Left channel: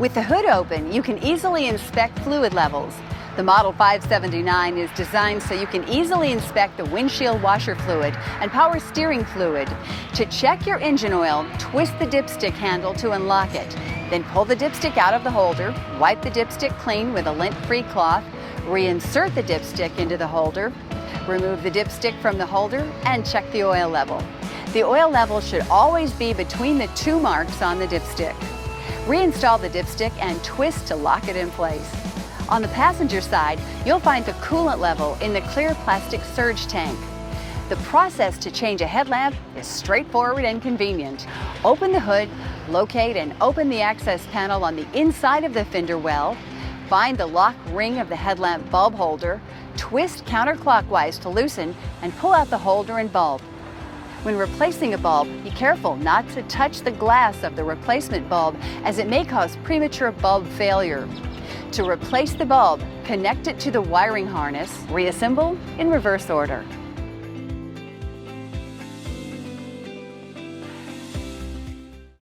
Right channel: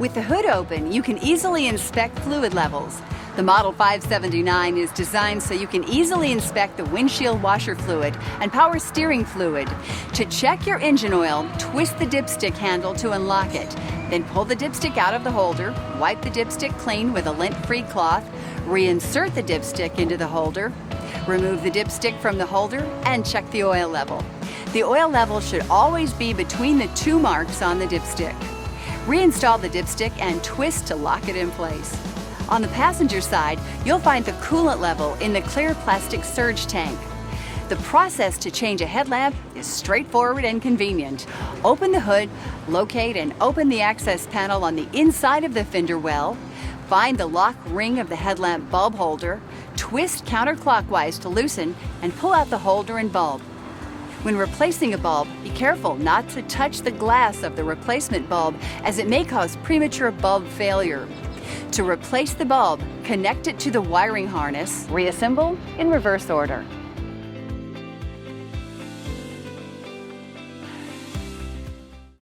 With the hood open, you can easily inspect fluid levels. The Model 579 is designed so you can easily inspect the windshield washer fluid and power steering fluid. To check your engine oil, twist the dipstick handle to unlock it. Then pull the dipstick out of the holder, wipe the dipstick clean with a lint-free cloth, reinsert the dipstick into the holder, remove the dipstick from the holder, and check the oil level. The oil level should always be between the two marks on the dipstick. Reinstall the dipstick and twist to lock it in place. On the passenger side, you'll find the coolant level in the clear plastic surge tank. The process to change a headlamp is straightforward and convenient. Open the hood, locate and open the access panel on the inside of the fender well, find the lock ring of the headlamp bulb holder, twist counterclockwise to loosen, and pull out the holder and bulb. When replacing a bulb, be careful not to touch the glass of the replacement bulb, as it may cause premature bulb failure. To replace the bulb, connect it to the wiring harness. Reassemble in reverse order.